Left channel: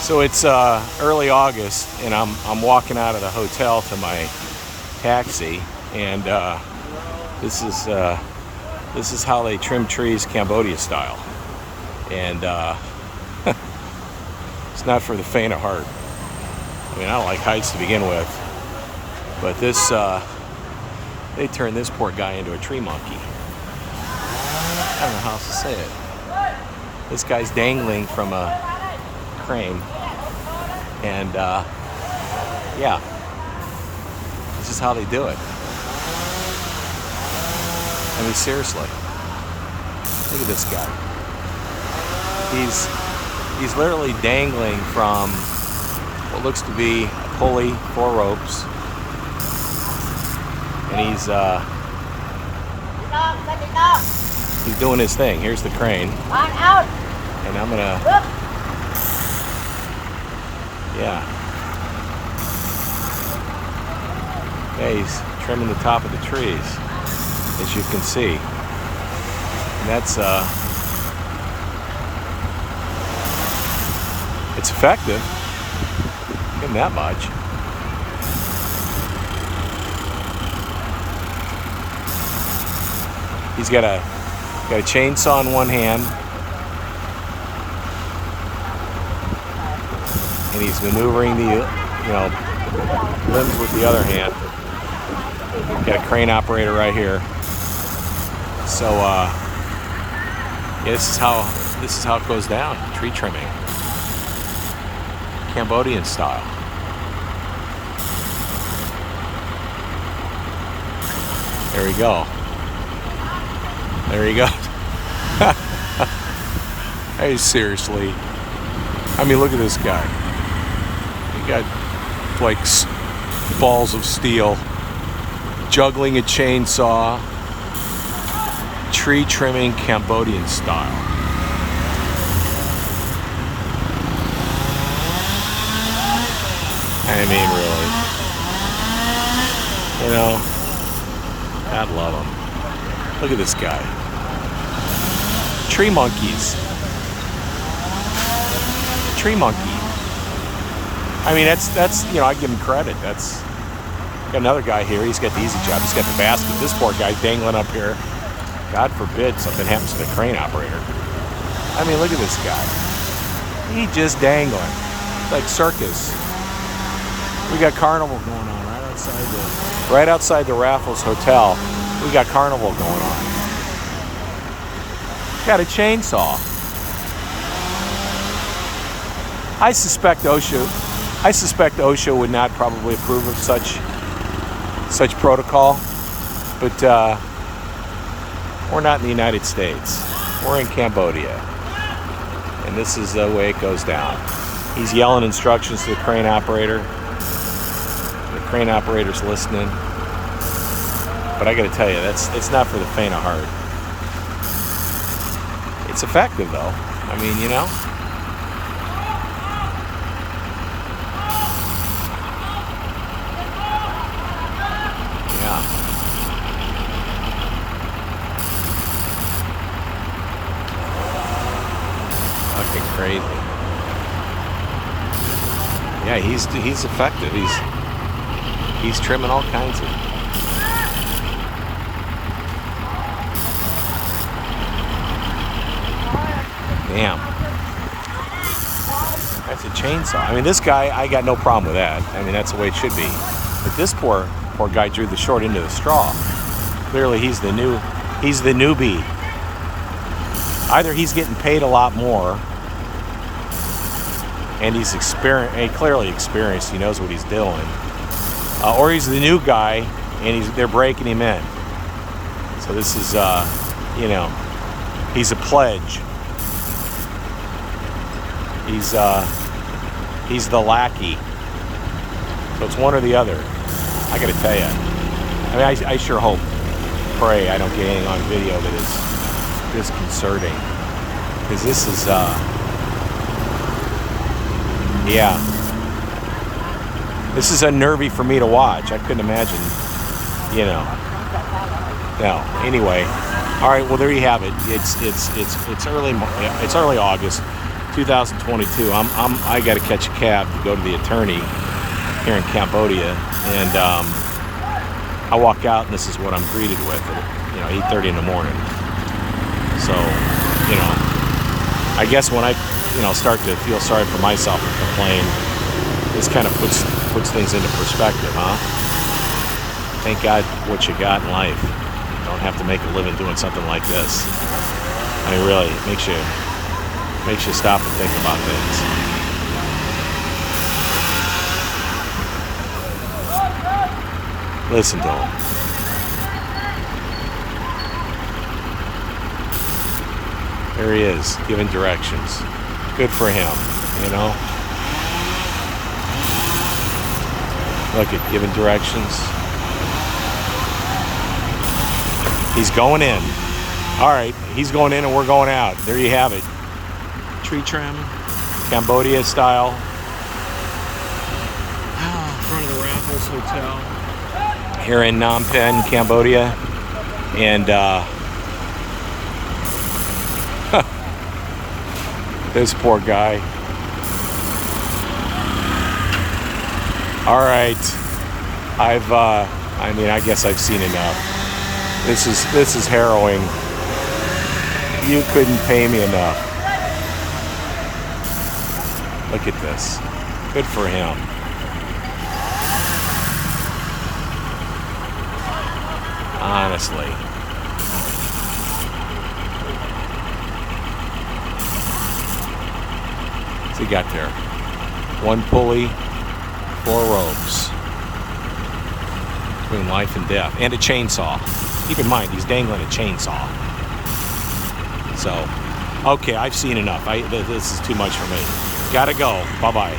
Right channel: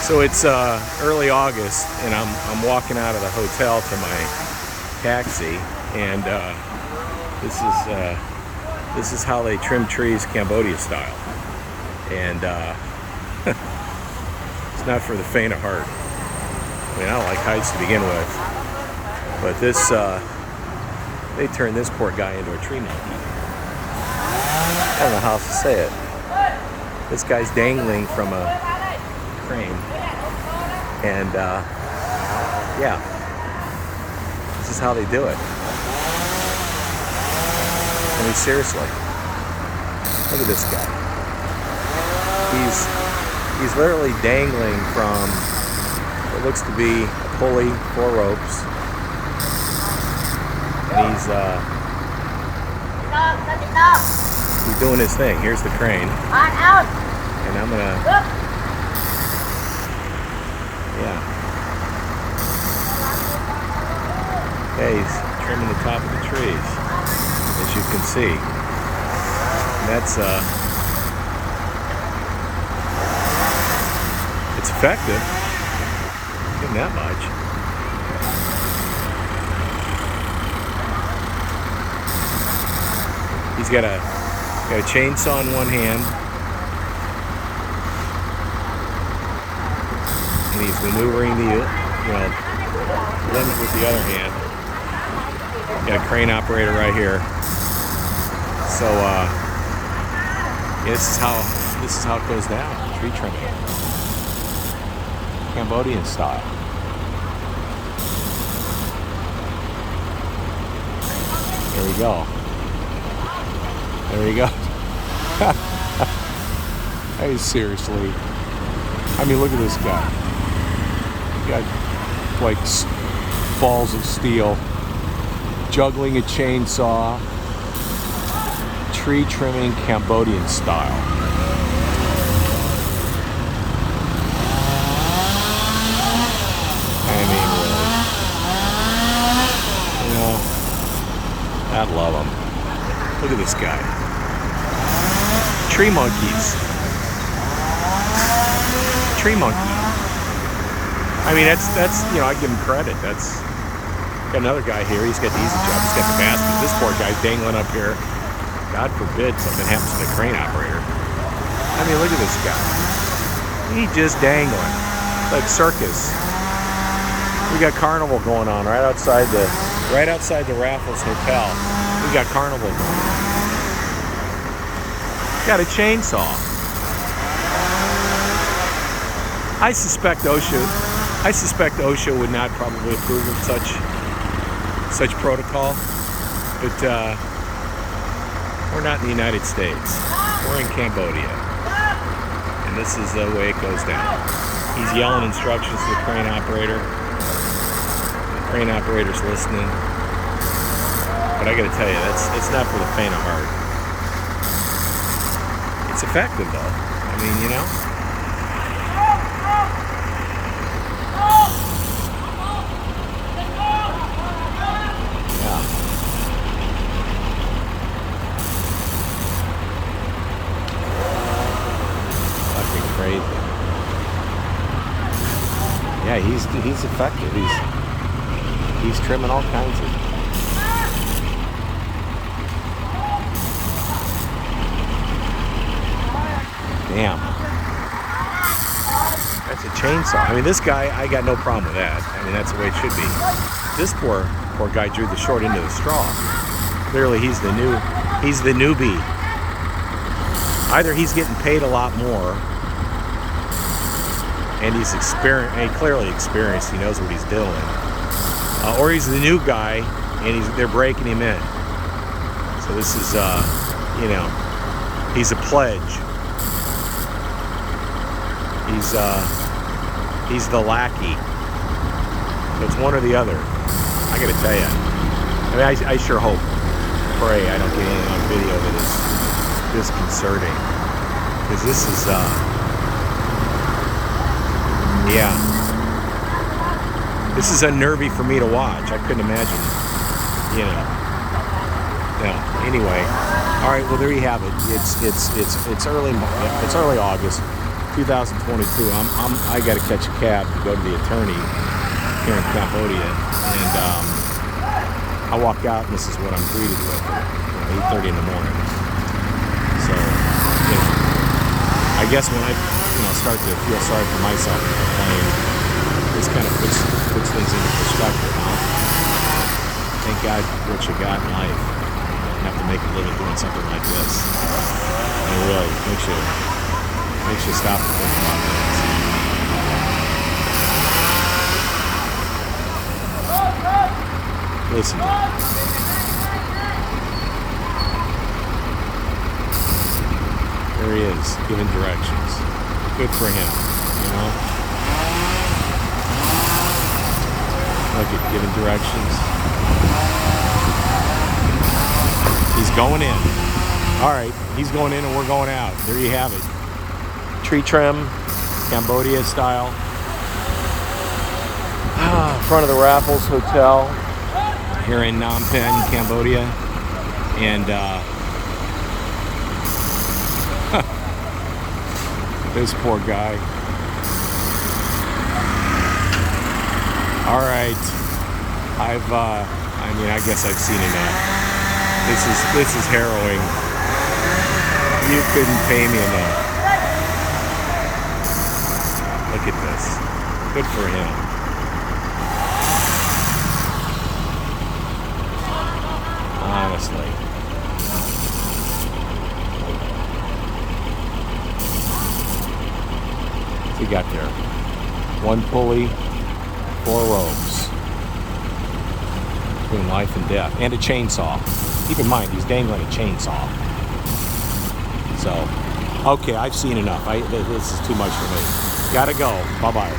So it's early August, and I'm walking out of the hotel to my taxi, and this is how they trim trees Cambodia style, and it's not for the faint of heart. I mean, I don't like heights to begin with, but this they turned this poor guy into a tree monkey. I don't know how else to say it. This guy's dangling from a crane, and yeah, this is how they do it. I mean, seriously, look at this guy. He's literally dangling from what looks to be a pulley, 4 ropes, and he's doing his thing. Here's the crane, and I'm gonna, yeah. Okay, he's trimming the top of the trees, as you can see. And that's it's effective. Give him that much. He's got a chainsaw in one hand, and he's maneuvering the limbs with the other hand. Got a crane operator right here. So yeah, this is how it goes down. Tree trimming, Cambodian style. There we go. There you go. Hey, seriously. I mean, look at this guy. He got like balls of steel, juggling a chainsaw, tree trimming Cambodian style. I mean, really. You know, God love him. Look at this guy. Tree monkeys. Tree monkey. I mean, that's I give him credit. That's got another guy here. He's got the easy job. He's got the basket. This poor guy's dangling up here. God forbid something happens to the crane operator. I mean, look at this guy. He's just dangling. It's like circus. We got carnival going on right outside the Raffles Hotel. We got carnival going on. Got a chainsaw. I suspect OSHA would not probably approve of such protocol, but we're not in the United States. We're in Cambodia, and this is the way it goes down. He's yelling instructions to the crane operator. The crane operator's listening. But I got to tell you, it's not for the faint of heart. It's effective, though. I mean, you know. Yeah. Fucking crazy. Yeah, he's effective. He's trimming all kinds of. Damn. That's a chainsaw. I mean, this guy, I got no problem with that. I mean, that's the way it should be. But this poor guy drew the short end of the straw. Clearly, he's the newbie. Either he's getting paid a lot more, and he's clearly experienced. He knows what he's doing. Or he's the new guy, and they're breaking him in. So this is, he's a pledge. He's the lackey. So it's one or the other. I gotta tell you. I mean, I sure pray I don't get anything on video that is disconcerting. Because this is, yeah. This is unnerving for me to watch. I couldn't imagine, No. Anyway. All right, well, there you have it. It's early August. 2022. I got to catch a cab to go to the attorney here in Cambodia, and I walk out, and this is what I'm greeted with at 8:30 in the morning. So, I guess when I start to feel sorry for myself and complain, this kind of puts things into perspective, huh? Thank God what you got in life. You don't have to make a living doing something like this. I mean, really, makes you stop and think about things. Listen to him. There he is, giving directions. Good for him, Look at giving directions. He's going in. All right, he's going in and we're going out. There you have it. Tree trim, Cambodia style. In front of the Raffles Hotel here in Phnom Penh, Cambodia. And this poor guy. All right, I guess I've seen enough. This is harrowing. You couldn't pay me enough. Look at this. Good for him. Honestly. What's he got there? One pulley, 4 ropes. Between life and death. And a chainsaw. Keep in mind, he's dangling a chainsaw. So, okay, I've seen enough. This is too much for me. Gotta go. Bye-bye.